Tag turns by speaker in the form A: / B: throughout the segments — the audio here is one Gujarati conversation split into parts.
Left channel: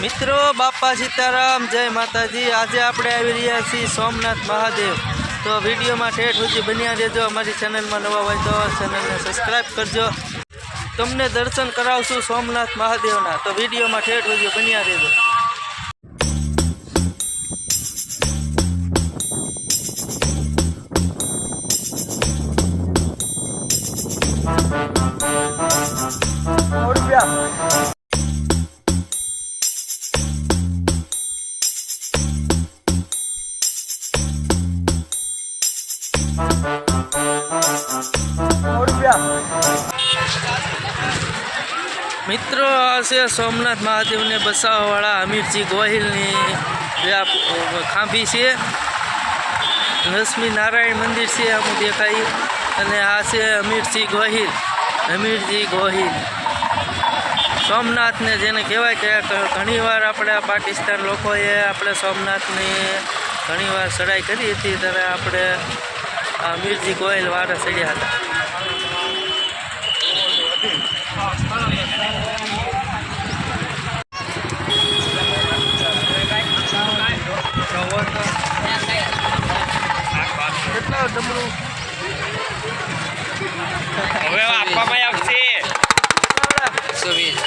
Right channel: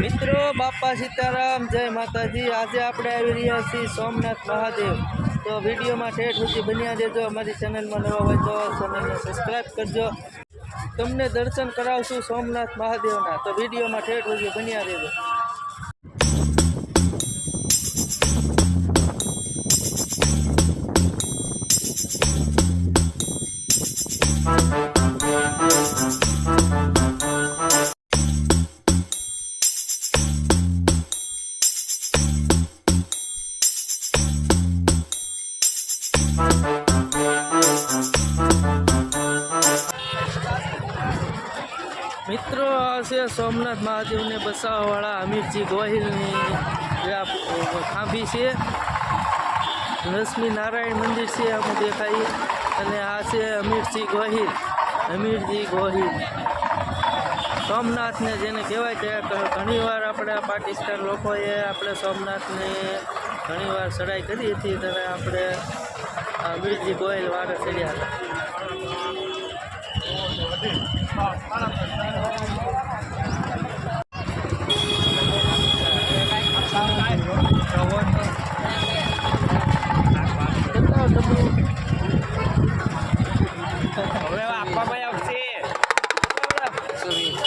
A: મિત્રો બાપા સીતારામ જય માતાજી. આજે આપણે આવી રહ્યા છીએ સોમનાથ મહાદેવ. તો વિડીયોમાં ઠેઠ સુધી બન્યા રહેજો. અમારી ચેનલમાં નવા હોય તો ચેનલને સબસ્ક્રાઈબ કરજો. તમને દર્શન કરાવશું સોમનાથ મહાદેવના. તો વિડીયોમાં ઠેઠ સુધી બન્યા રહેજો. મિત્રો આ છે સોમનાથ મહાદેવને બસાવવાળા અમીરજી ગોહિલની જે ખાંભી છે. લક્ષ્મી નારાયણ મંદિર છે આમ દેખાય અને આ છે અમીરજી ગોહિલ. અમીરજી ગોહિલ. સોમનાથને જેને કહેવાય કે ઘણીવાર આપણે આ પાકિસ્તાન લોકોએ આપણે સોમનાથની ઘણીવાર ચડાઈ કરી હતી ત્યારે આપણે અમીરજી ગોહિલ વારે ચડ્યા હતા કેટલા ડમરું
B: હવે આપવામાં આવશે
C: વીસ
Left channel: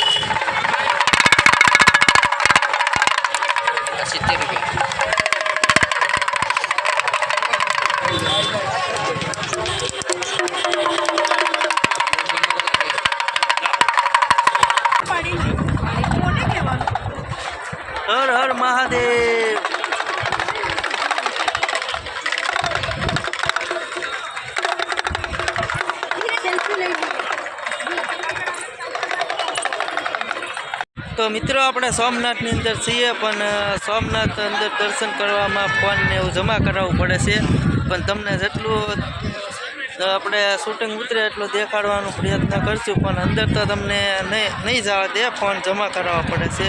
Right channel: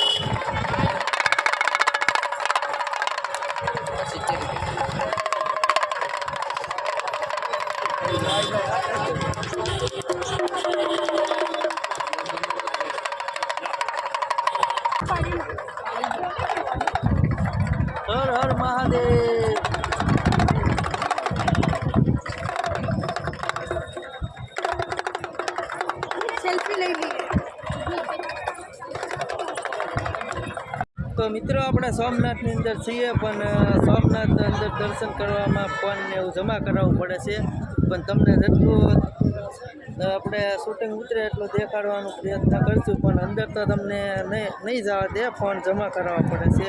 C: સિત્તેર રૂપિયા
A: હર હર મહાદેવ. તો મિત્રો, આપણે સોમનાથની અંદર છીએ, પણ સોમનાથ અંદર દર્શન કરવામાં ફોનને એવું જમા કરાવવું પડે છે. પણ તમને જેટલું આપણે શૂટિંગ ઉતરે એટલું દેખાડવાનો પ્રયત્ન કરશું, પણ અંદર તો તમને નહીં નહીં જવા દે, ફોન જમા કરાવવા પડે છે.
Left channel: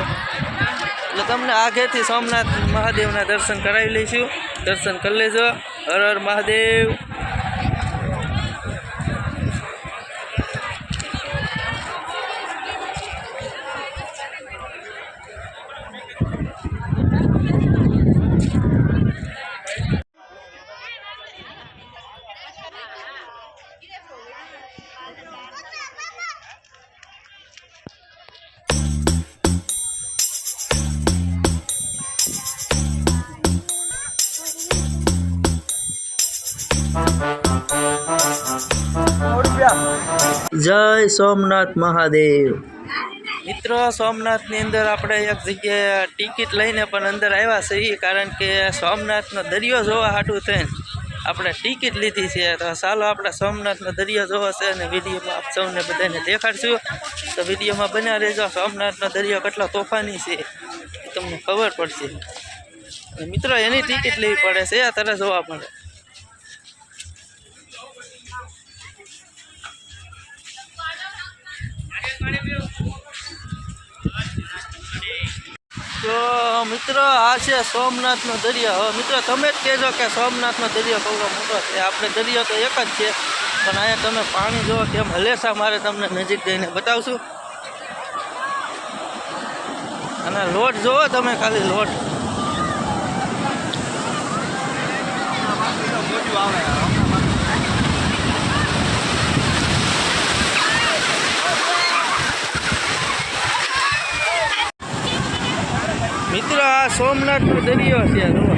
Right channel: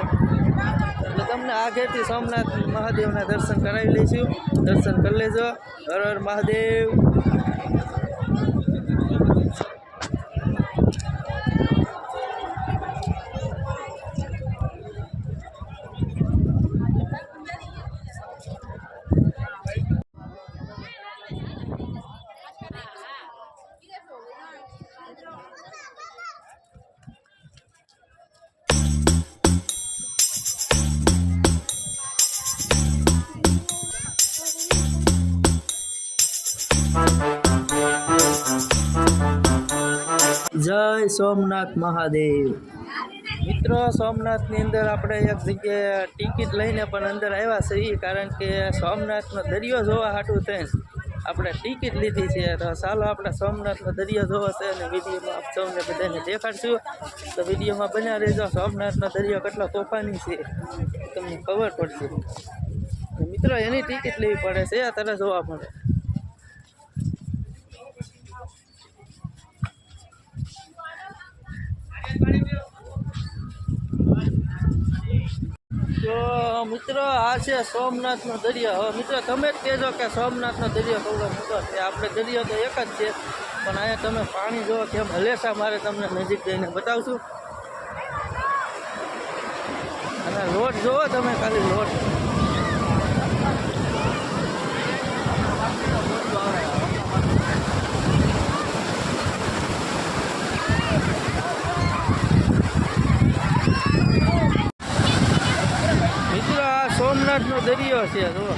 A: એટલે તમને આગેથી સોમનાથ મહાદેવના દર્શન કરાવી લઈશું. દર્શન કરી લેજો. હર હર મહાદેવ. જય સોમનાથ મહાદેવ. મિત્રો, સોમનાથની અંદર આપણે એક જગ્યાએ ટિકિટ લઈને પણ અંદર આવ્યા છીએ, કારણ કે સોમનાથનો દરિયો જોવા હાટું થઈને આપણે ટિકિટ લીધી છે. તો ચાલો આપણે સોમનાથનો દરિયો જોવો છે અને વિડીયોમાં આપ સૌને બધાને દેખાડશું. તો વિડીયોમાં બન્યા રહેજો. સોમનાથનો દરિયો કેટલો તોફાની છે તમને ખબર પડશે. મિત્રો, એની ટિકિટ લેવી પડે છે. આ તરફ જોવા મળે. તો મિત્ર, આ છે સોમનાથનો દરિયો. હવે મિત્ર, તમે જ કહેજો કે સોમનાથનો દરિયો કવડો મોટો છે. આપણે દરિયો તો એક જ છે, પણ અહીંયા તમે પાણી જોવો કેમ હલેસા મારે તમને નજીક જઈને બતાવશું. અને લોટ જુઓ તમે ખાલી લોટ. મિત્રો આ સોમનાથનો દરિયો છે, જુઓ.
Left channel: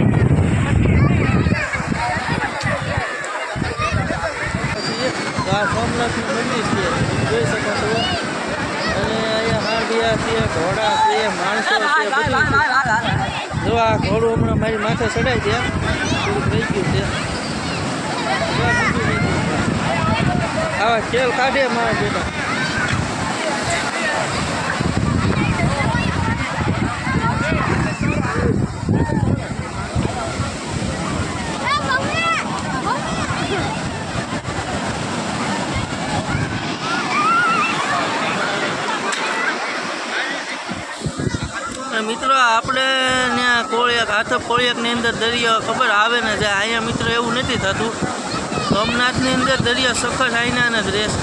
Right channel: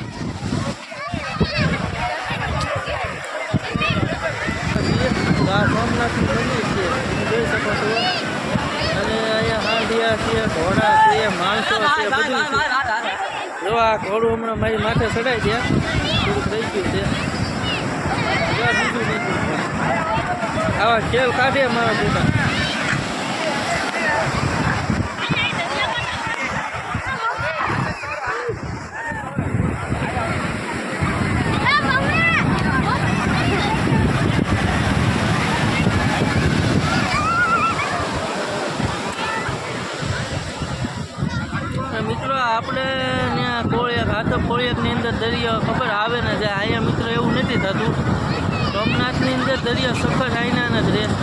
A: આ આ સોમનાથનું મંદિર છે, તમે જોઈ શકો છો અને અહીંયા હાંડિયા છે, ઘોડા છે, માણસો છે, બધું છે. જો આ ઘોડું હમણાં મારી માથે ચડાઈ દે. થોડુંક રહી ગયું છે. આવા ખેલ કાઢે મારા બેટા અને મિત્રો આપણે ત્યાં કોળિયાક, હાથો કોળિયાકની અંદર દરિયો ખબર આવે ને જાય. અહીંયા મિત્રો એવું નથી થતું. સોમનાથની અંદર દરિયો સખત આઈના જ રહેશે.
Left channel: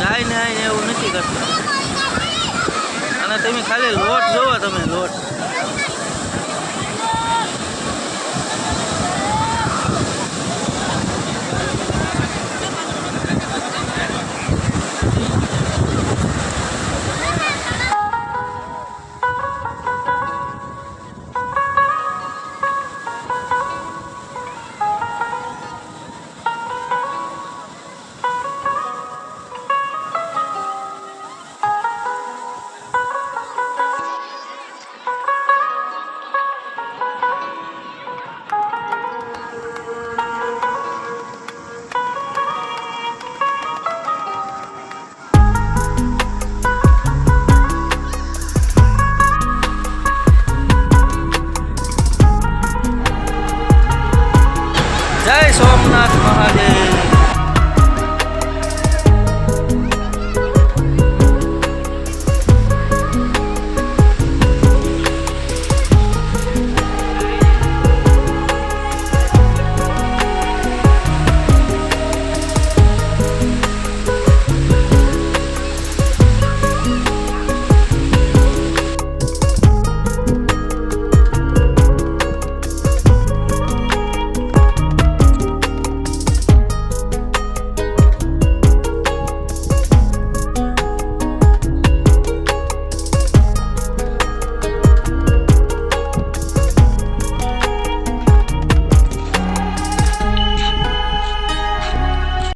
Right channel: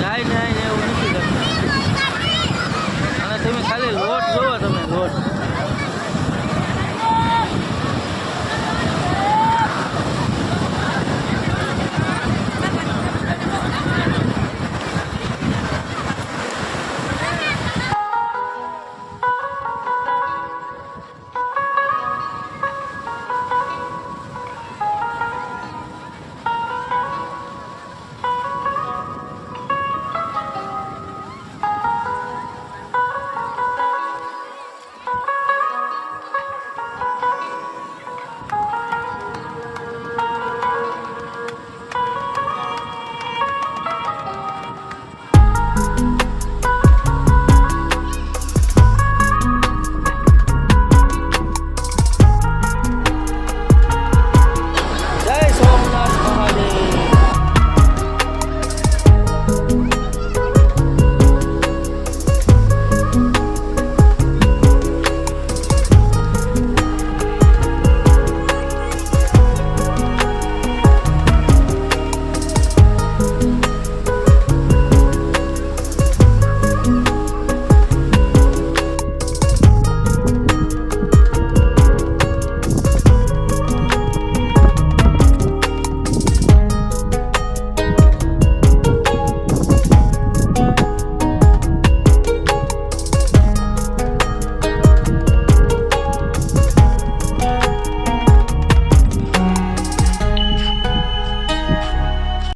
A: જાય ને આઈને એવું નથી કરતા. અને તમે ખાલી લોટ જોવો તમે, લોટ.